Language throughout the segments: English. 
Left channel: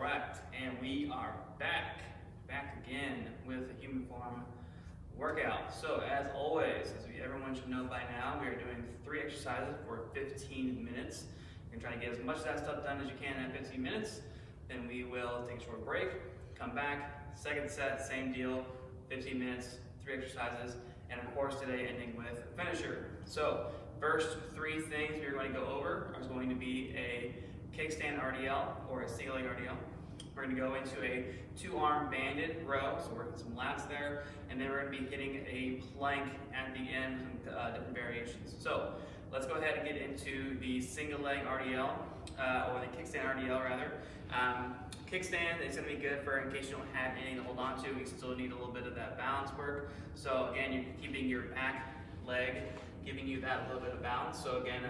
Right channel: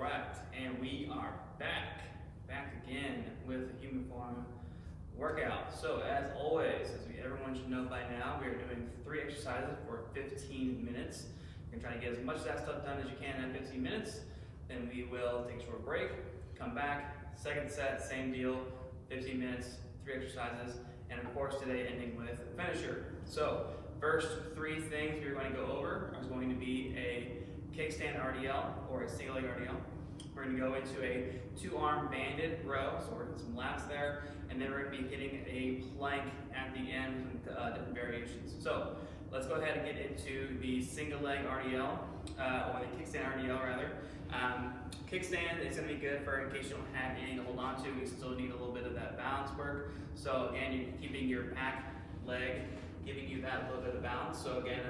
Correct, and we are back again with a human form workout. So as always, everyone should know by now, we are doing 3 exercises for 15 minutes. You're gonna try to get as much of that stuff done as you can in 15 minutes. Then we will take a short break, come back, second set, same deal, 15 minutes, 3 exercises, and of course today ending with a finisher. So first 3 things we're going to go over is going to be a Kickstand Rdl or a single leg RDL. We're going to go into a 2-arm banded row, so we're getting some lats there, and then we're going to be hitting a plank at the end with different variations. So let's go ahead and get into the single leg RDL, or the Kickstand Rdl rather. Kickstand is going to be good for in case you don't have anything to hold on to. We still need a little bit of that balance work. So again, you're keeping your back leg, giving you that little bit of balance. So again,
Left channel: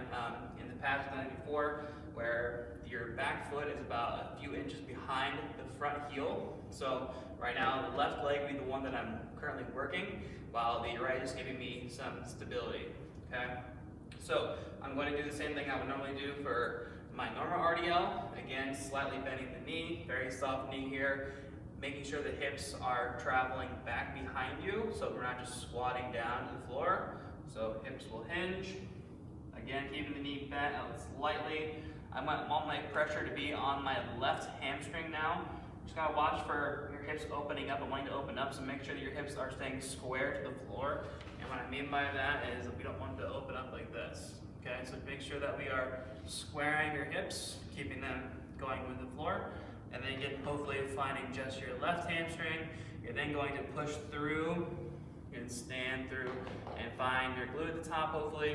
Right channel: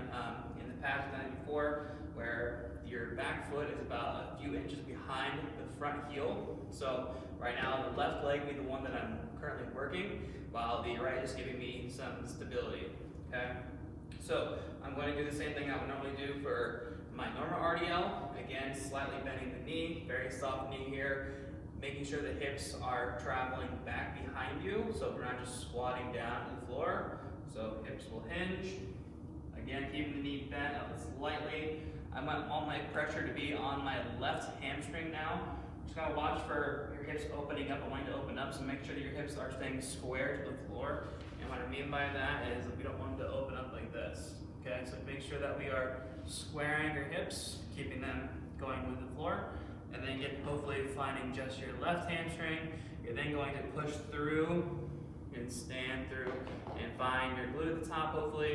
in the past we've done it before, where your back foot is about a few inches behind the front heel. So right now the left leg will be the one that I'm currently working, while the right is giving me some stability, okay? So I'm going to do the same thing I would normally do for my normal RDL. Again, slightly bending the knee, very soft knee here, making sure the hips are traveling back behind you, so we're not just squatting down to the floor. So hips will hinge. Again, keeping the knee bent slightly. I want all my pressure to be on my left hamstring now. Just gotta watch for your hips opening up. I want you to open up, so make sure that your hips are staying square to the floor. And what I mean by that is we don't want them to open up like this. Okay, so make sure that we are squaring your hips, keeping them going with the floor. And then again, hopefully finding just your left hamstring. You're then going to push through and stand through and find your glute at the top, hopefully.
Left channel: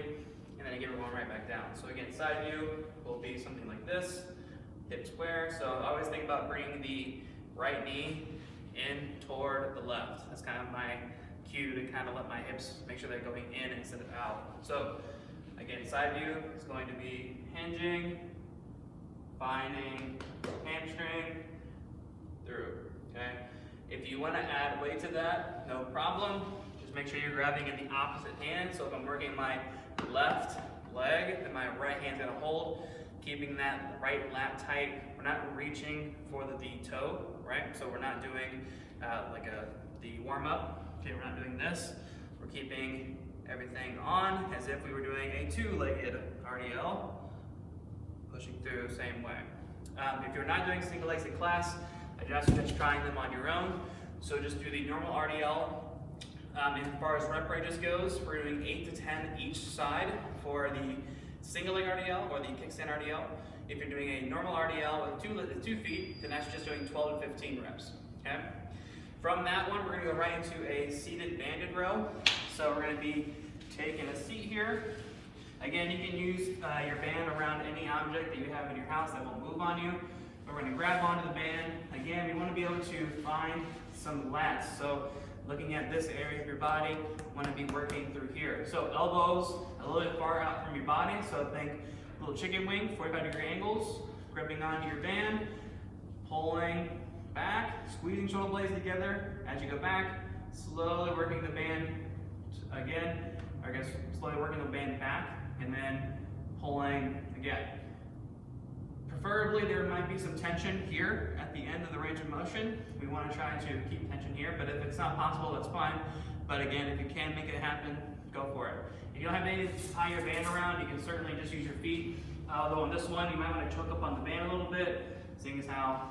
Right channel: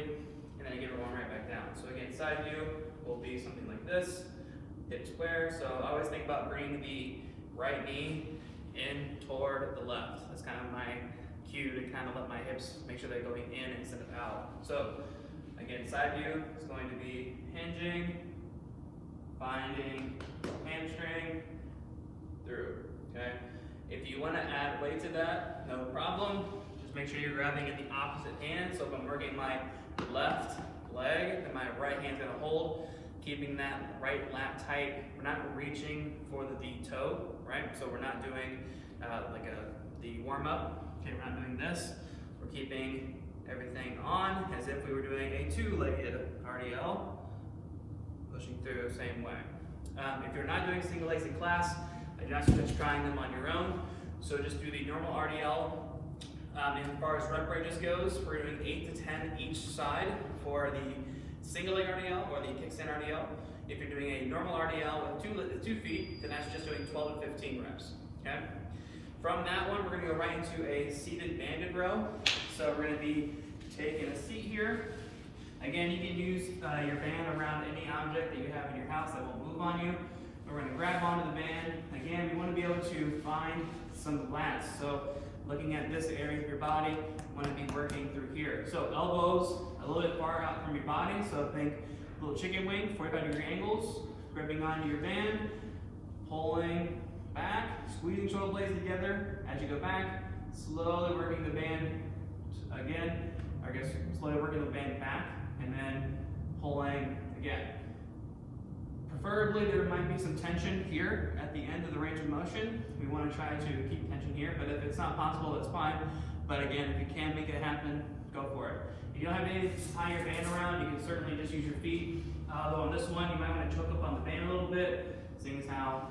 And then again, we're going right back down. So again, side view will be something like this, hip square. So I always think about bringing the right knee in toward the left. That's kind of my cue to kind of let my hips make sure they're going in instead of out. So again, side view is going to be hinging, finding hamstring, through, okay? If you want to add weight to that, no problem. Just make sure you're grabbing in the opposite hand. So if I'm working my left leg, then my right hand's gonna hold, keeping that right lat tight. We're not reaching for the toe, right? So we're not doing the warm up. Okay, we're not doing this. We're keeping everything on as if we were doing a 2-legged RDL, pushing through same way. If you're not doing single legs in class, I do not suggest trying them on your own. So just do the normal RDL. As far as rep ranges goes, we're doing 8 to 10 each side for the single leg RDL or the Kickstand Rdl. If you're doing a normal RDL with 2 feet, then that's just doing 12 to 15 reps, okay? From that one, we're gonna go right into a seated banded row. So we're gonna be taking a seat here. Again, you can use your band around any object that you have in your house that will move on you. We're gonna grab onto the band. Again, we wanna be able to find some lats. So looking at this area of your body, you wanna be working through here. So elbows a little bit far out from your body. So think little chicken wing, 45-degree angles, gripping onto your band, pulling back, squeezing shoulder blades together. As you go back, slowly working the band again, or I guess slowly working the band back, and then pulling again. Preferably there might be some tension here at the end of the range of motion. We want to try to keep tension here, but if it's not possible, that's fine. But again, if you can make it happen, go for it. If you don't have any to tie your band around, you can certainly just use your feet. Although on this one, you might want to choke up on the band a little bit, seeing as how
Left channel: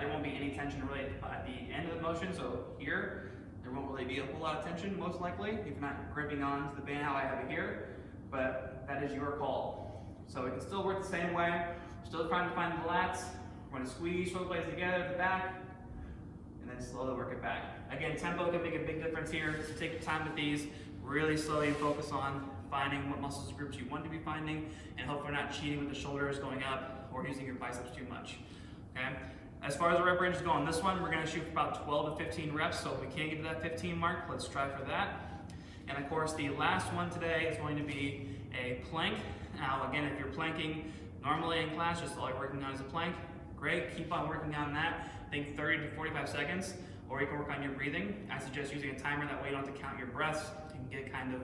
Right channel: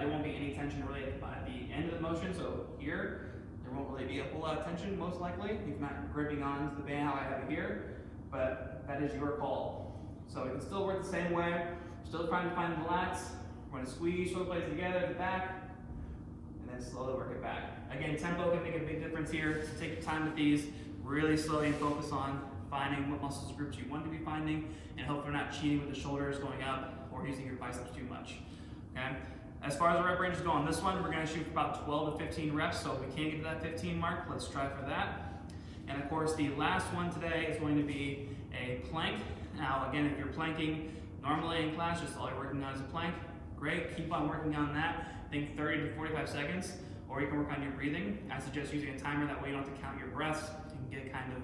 there won't be any tension really at the end of the motion. So here, there won't really be a whole lot of tension, most likely, if you're not gripping onto the band how I have it here, but that is your call. So we can still work the same way, still trying to find the lats. We're gonna squeeze shoulder blades together at the back, and then slowly work it back. Again, tempo can make a big difference here. So take your time with these, really slowly focus on finding what muscles groups you want to be finding, and hopefully not cheating with the shoulders going up or using your biceps too much, okay? As far as the rep range is going, this one, we're gonna shoot for about 12 to 15 reps, so if we can't get to that 15 mark, let's try for that. And of course, the last one today is going to be a plank. Now, again, if you're planking normally in class, just all you're working on is a plank, great, keep on working on that. Think 30 to 45 seconds, or you can work on your breathing. I suggest using a timer, that way you don't have to count your breaths. You can get kind of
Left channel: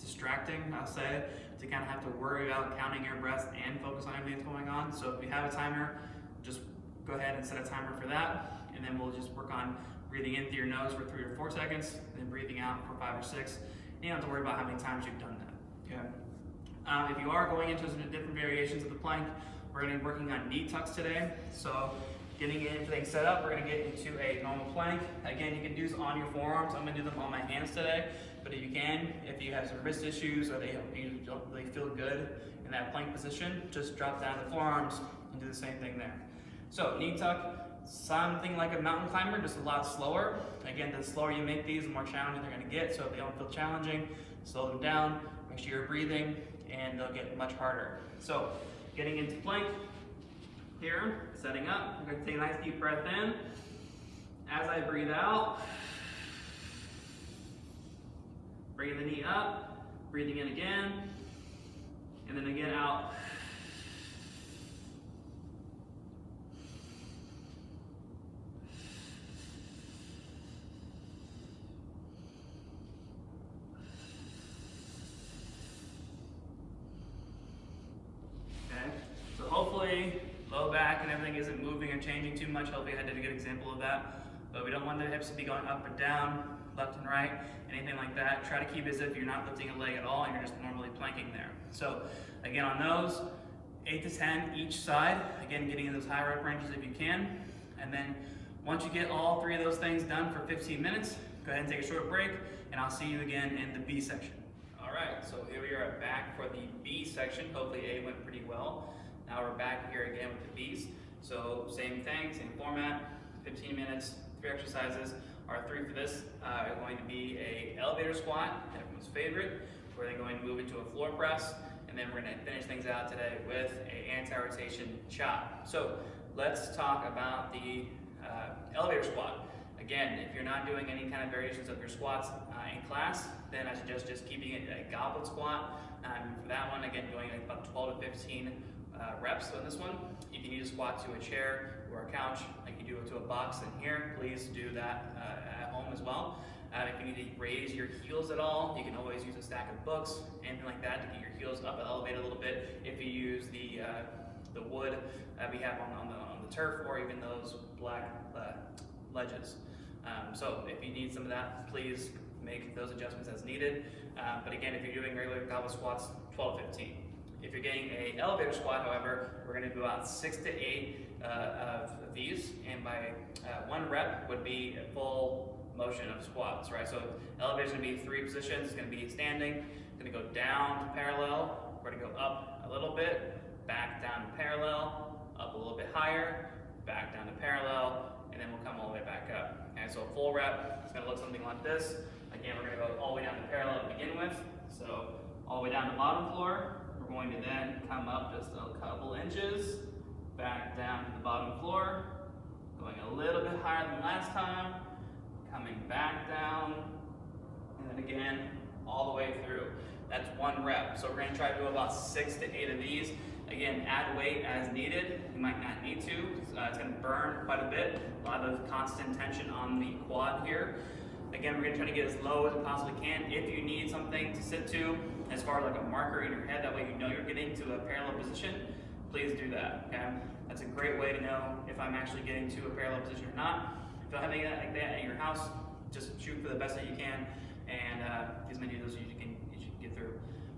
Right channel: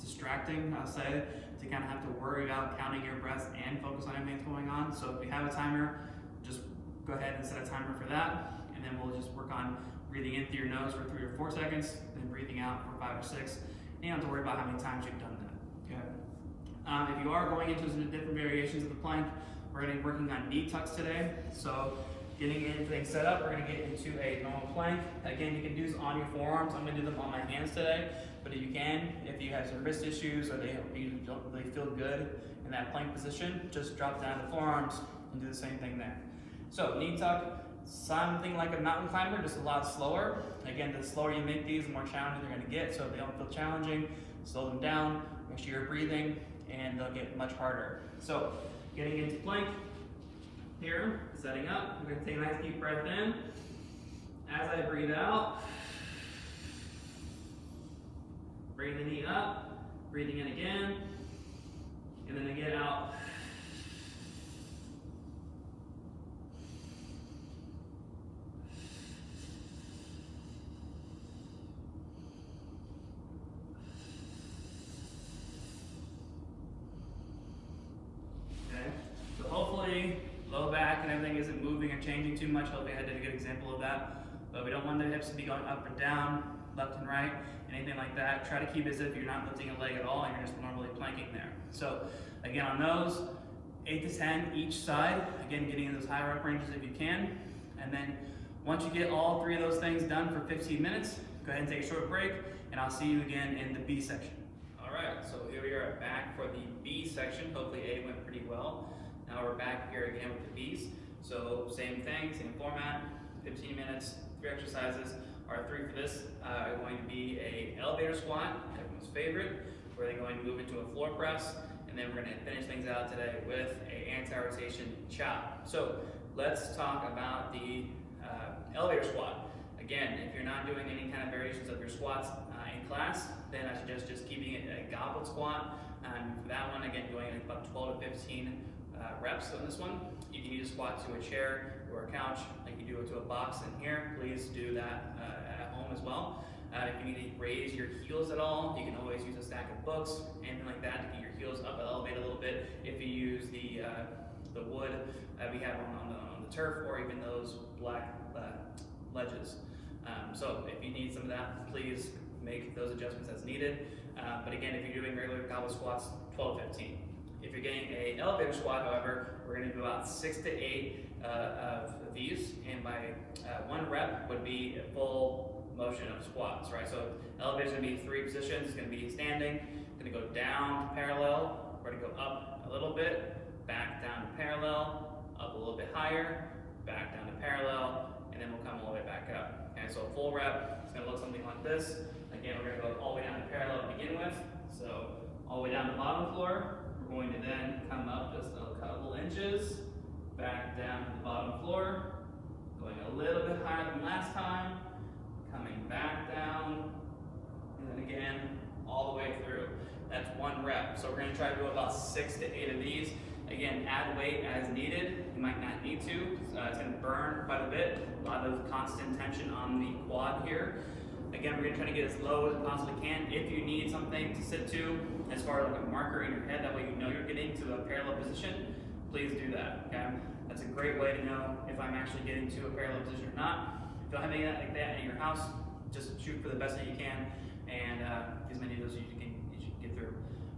distracting, I'll say, to kind of have to worry about counting your breaths and focus on everything that's going on. So if you have a timer, just go ahead and set a timer for that, and then we'll just work on breathing in through your nose for 3 or 4 seconds, then breathing out for 5 or 6. And you don't have to worry about how many times you've done that. Okay. If you are going into different variations of the plank, we're going to be working on knee tucks today. So getting everything set up, we're going to get into a normal plank. Again, you can do this on your forearms. I'm going to do them on my hands today, but if you have some wrist issues or you don't really feel good in that plank position, just drop down the forearms and do the same thing there. So knee tuck, something like a mountain climber, just a lot slower. Again, the slower you make these, the more challenging they're going to get. So if they don't feel challenging, slow them down, make sure you're breathing, and they'll get much harder. So getting into plank here, setting up. I'm going to take a nice deep breath in. As I breathe out, bring the knee up, breathing in again, and then again out. Hopefully, low back and everything isn't moving or changing too much. Hopefully I did a good example of that. But we don't want the hips to be going up and down, left and right, anything like that. Try to keep it as if you're not lifting a leg at all and you're just normally planking there. So again, on those, 8 to 10 each side. Again, getting in those high rep ranges if you can. And then once you get all 3 of those things done for 15 minutes, go ahead and take a short break, and I'll see you again in the B section. All right, so here we are back for the B section. Hopefully A went pretty well. Now we're back here again with the B's. So same thing, same format, 15 minutes, 3 exercises. Our 3 for this are going to be a elevator squat, everyone's favorite. We're then going to move into a floor press, and then we're going to finish things out today with a anti-rotation chop. So let's talk about the elevator squat. Again, if you're not doing any kind of variations of your squats in class, then I suggest just keeping it a goblet squat. For that one, again, going like about 12 to 15 reps on this one. If you need to squat to a chair or a couch, like you do it to a box in here, please do that at home as well. If you need to raise your heels at all, you can always use a stack of books, anything like that, to get your heels up and elevate a little bit. If you use the wood we have on the turf, or even those black ledges. So if you need some of that, please make those adjustments as needed. But again, if you're doing regular goblet squats, 12 to 15. If you're getting an elevator squat, however, we're going to do about 6 to 8 of these, and by 1 rep would be a full motion of squats, right? So elevator is going to be 3 positions. It's going to be standing, going to go down to parallel, we're going to go up a little bit, back down to parallel, up a little bit higher, back down to parallel, and then we'll come all the way back up. Okay, so a full rep is going to look something like this. Again, we're going to go all the way down to parallel to begin with. So all the way down to bottom floor. We're going to then come up just a couple inches, back down to the bottom floor, going a little bit higher than last time, coming back down, and then again, all the way through. That's 1 rep. So we're going to try to do about 6 to 8 of these. Again, add weight as needed. You might not need to. It's going to burn quite a bit. A lot of constant tension on the quad here. Again, we're going to try to get as low as we possibly can. If you need something to sit to, as far as like a marker in your head, that way you know you're getting to a parallel position, please do that, okay? That's a great way to know if I'm actually getting to a parallel position or not. If you don't have anything like that at your house, just shoot for the best that you can, and as many of those as you can get through.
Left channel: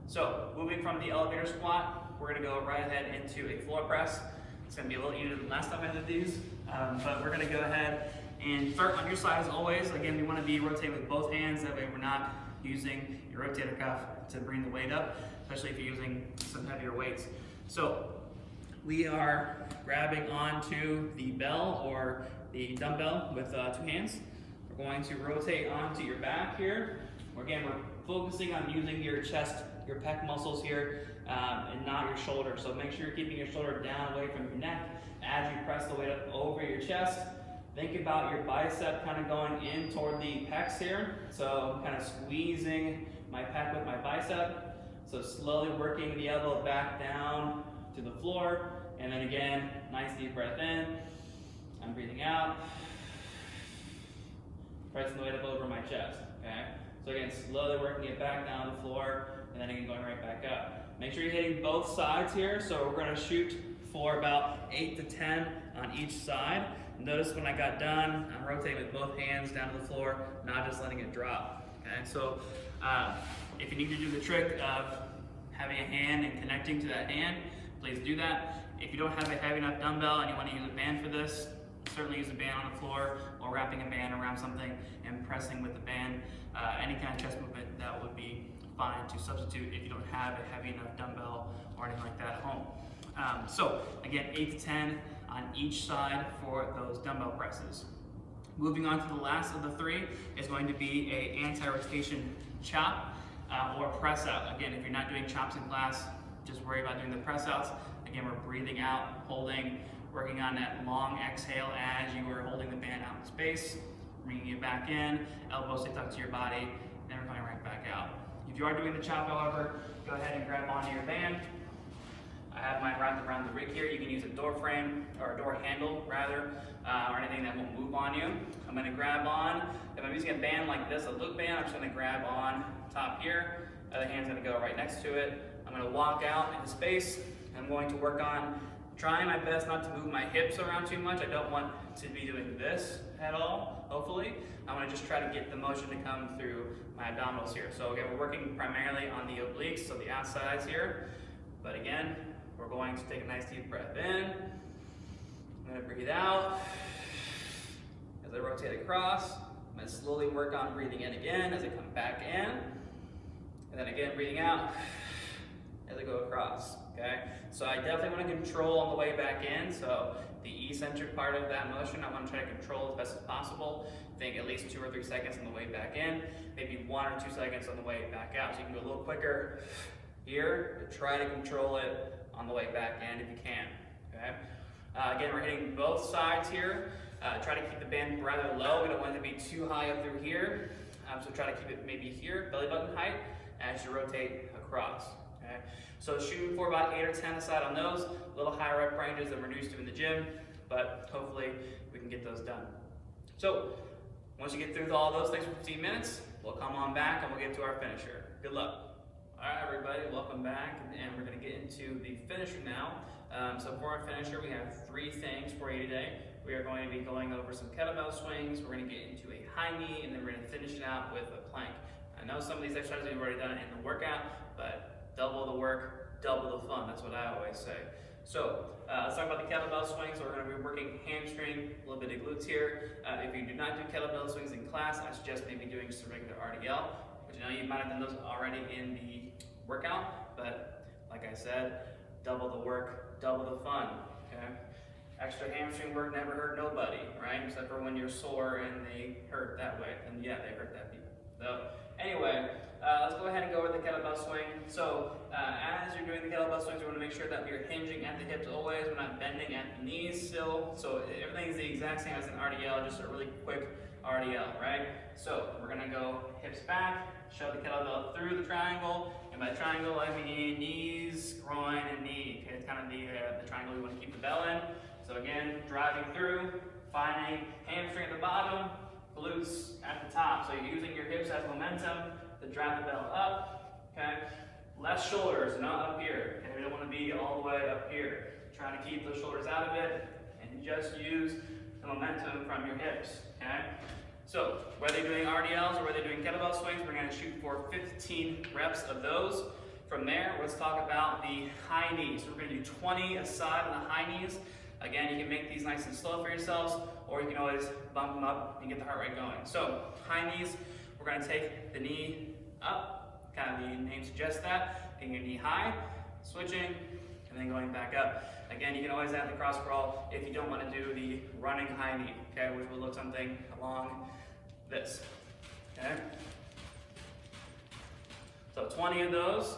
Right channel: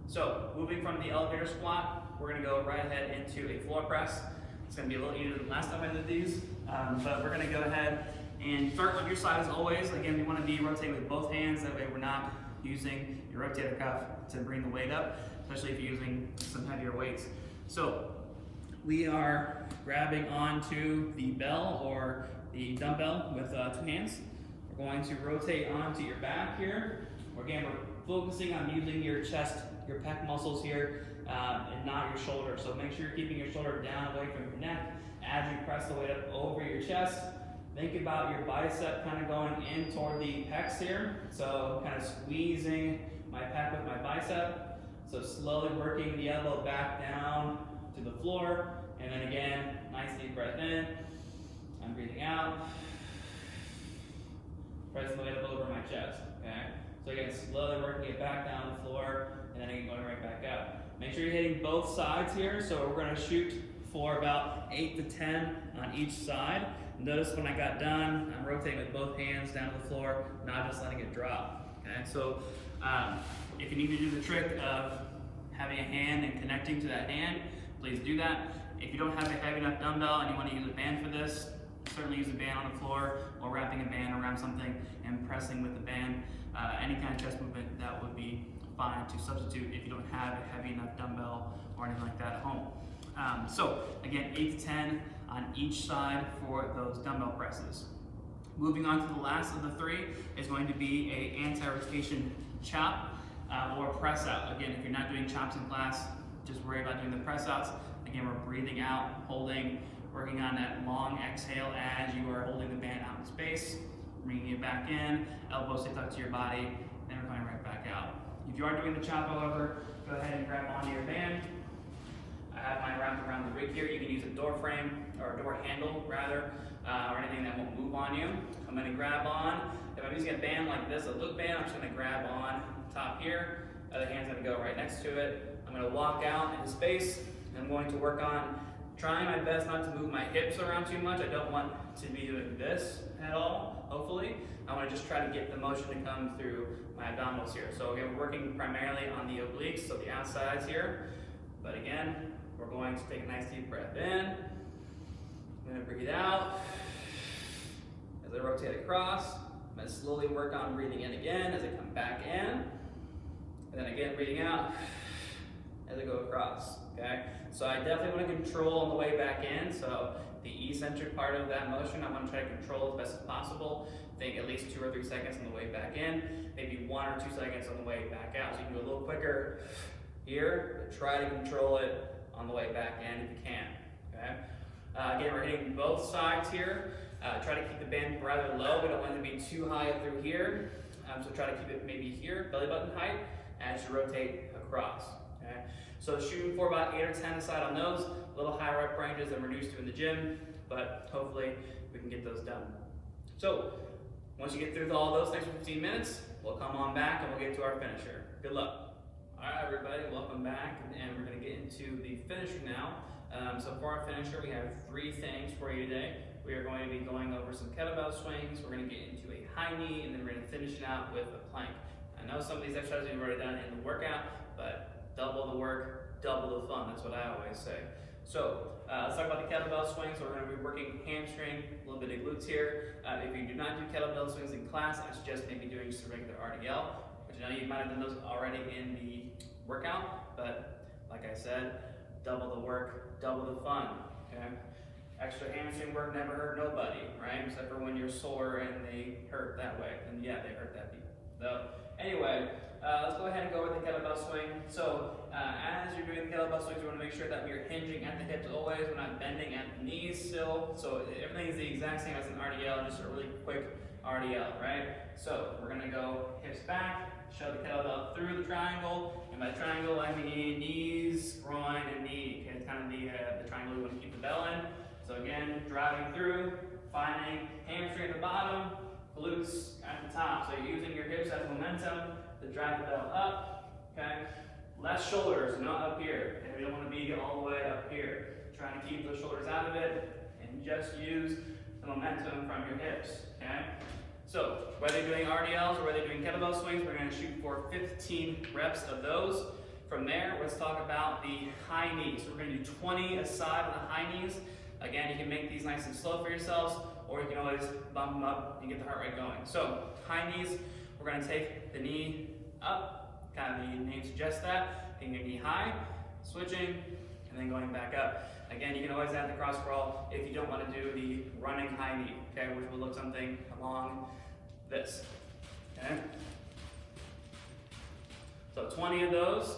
So, moving from the elevator squat, we're going to go right ahead into a floor press. It's going to be a little easier than last time I did these, but we're going to go ahead and start on your side as always. Again, we want to be rotating with both hands, that way we're not using your rotator cuff to bring the weight up, especially if you're using some heavier weights. So we are grabbing onto the bell or the dumbbell with 2 hands. We're going to rotate onto your back here. Again, we're focusing on using your chest, your pec muscles here, and not your shoulder. So make sure you're keeping your shoulder down away from your neck as you press the weight up over your chest. Think about your bicep kind of going in toward the pecs here. So kind of squeezing my pec with my bicep. So slowly working the elbow back down to the floor. And then again, nice deep breath in. I'm breathing out. Pressing the weight up over my chest, okay? So again, slowly working it back down to the floor, and then again going right back up. Make sure you're hitting both sides here. So we're gonna shoot for about 8 to 10 on each side. Notice when I got done, I'm rotating with both hands down to the floor, not just letting it drop. Okay, so if you need to do the trick of having a hand and connecting to that hand, please do that. If you don't have a heavy enough dumbbell and you want to use a band for this, certainly use a band on the floor or wrapping a band around something and pressing with the band. Any kind of chest movement, that would be fine to substitute if you don't have a heavy enough dumbbell or anything like that at home. So again, 8 to 10 on each side for those dumbbell presses. Moving on to the last of the three is going to be a anti-rotation chop or press out. Again, if you're not doing chops in class, just worry about doing the press outs. Again, we're breathing out, holding, working on that long exhale as you are holding the band out in space, bringing it back in, elbows stay tucked to your body, then we're coming right back out. If you are doing the chop, however, go ahead and grab onto your band. I have mine wrapped around the rig here. You can use a door frame, or a door handle rather, or anything that won't move on you. I'm gonna grab on. If I'm using a band like this, a loop band, I'm just gonna grab on top here. Other hand's gonna go right next to it. I'm gonna walk out into space. I'm going to work on trying my best not to move my hips around too much. I don't want to be doing this at all, hopefully. I want to just try to get the motion to come through my abdominals here. So again, we're working primarily on the obliques, so the outsides here. But again, we're going to take a nice deep breath in. I'm going to breathe out. As I rotate across, I'm going to slowly work on breathing in again as I come back in. And then again, breathing out as I go across, okay? So I definitely want to control on the way back in. So the eccentric part of that motion, I want to try to control as best as possible. Think at least 2 or 3 seconds on the way back in, maybe 1 or 2 seconds on the way back out. So you can go a little quicker here, but try to control it on the way back in if you can, okay? Again, we're hitting both sides here. Try to keep the band rather low. We don't want it to be too high up through here. So try to keep it maybe here, belly button height, as you rotate across, okay? So shooting for about 8 or 10 aside on those, a little higher rep ranges than we're used to in the gym, but hopefully we can get those done. So once you get through all those things for 15 minutes, we'll come on back and we'll get to our finisher. Good luck. All right, everybody, welcome back, and we're gonna get into the finisher now. So for our finisher, we have 3 things for you today. We are going to be going over some kettlebell swings, we're gonna get into a high knee, and then we're gonna finish it out with a plank. I know some of these exercises we've already done in the workout, but double the work, double the fun, that's what I always say. So let's talk about the kettlebell swings. So we're gonna be working hamstring, a little bit of glutes here. If you do not do kettlebell swings in class, I suggest maybe doing just a regular RDL, which I know you might have done those already in the workout, but like I said, double the work, double the fun, okay? Extra hamstring work never hurt nobody, right? Except for when you're sore and they hurt that way. And yeah, they hurt that people. So anyway, let's go ahead and go over the kettlebell swing. So as you're doing the kettlebell swings, we want to make sure that we're hinging at the hips always. We're not bending at the knees still. So everything is the exact same as an RDL, just a really quick RDL, right? So we're going to go hips back, shove the kettlebell through the triangle. And by triangle, I mean knees, groin, and knee. Okay, it's kind of the triangle we want to keep the bell in. So again, driving through, finding hamstring at the bottom, glutes at the top. So you're using your hips as momentum to drive the bell up, okay? Less shoulders, not up here. And we don't want to be all the way up here. Trying to keep those shoulders out of it and just use the momentum from your hips, okay? So whether you're doing RDLs or whether you're doing kettlebell swings, we're going to shoot for 15 reps of those. From there, let's talk about the high knees. So we're going to do 20 aside on the high knees. Again, you can make these nice and slow for yourselves, or you can always bump them up and get the heart rate going. So high knees, we're going to take the knee up, kind of the name suggests that, getting your knee high, switching, and then going back up. Again, you can always add the cross crawl if you don't want to do the running high knee, okay, which will look something along this, okay? So 20 of those.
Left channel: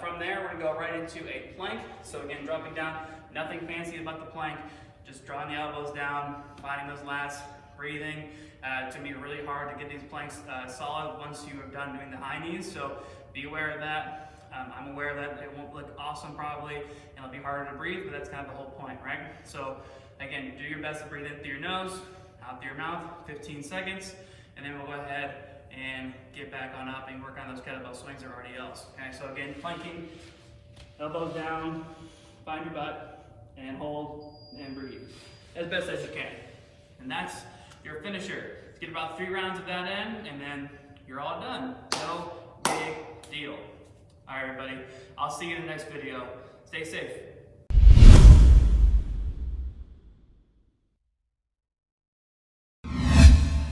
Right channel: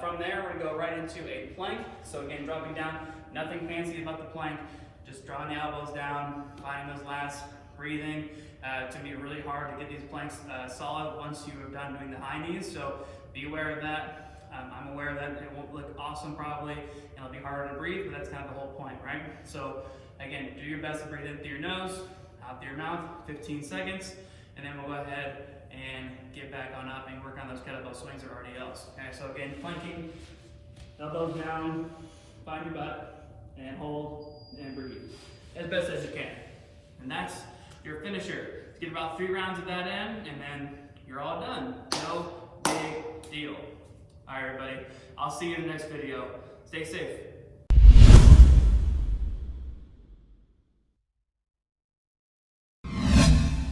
From there, we're going to go right into a plank. So again, dropping down, nothing fancy about the plank, just drawing the elbows down, finding those lats, breathing. It's going to be really hard to get these planks solid once you are done doing the high knees, so be aware of that. I'm aware that it won't look awesome probably, and it'll be harder to breathe, but that's kind of the whole point, right? So again, do your best to breathe in through your nose, out through your mouth, 15 seconds, and then we'll go ahead and get back on up and work on those kettlebell swings or RDLs. Okay, so again, planking, elbows down, find your butt, and hold and breathe as best as you can. And that's your finisher. Let's get about 3 rounds of that in, and then you're all done. No big deal. All right, everybody. I'll see you in the next video. Stay safe.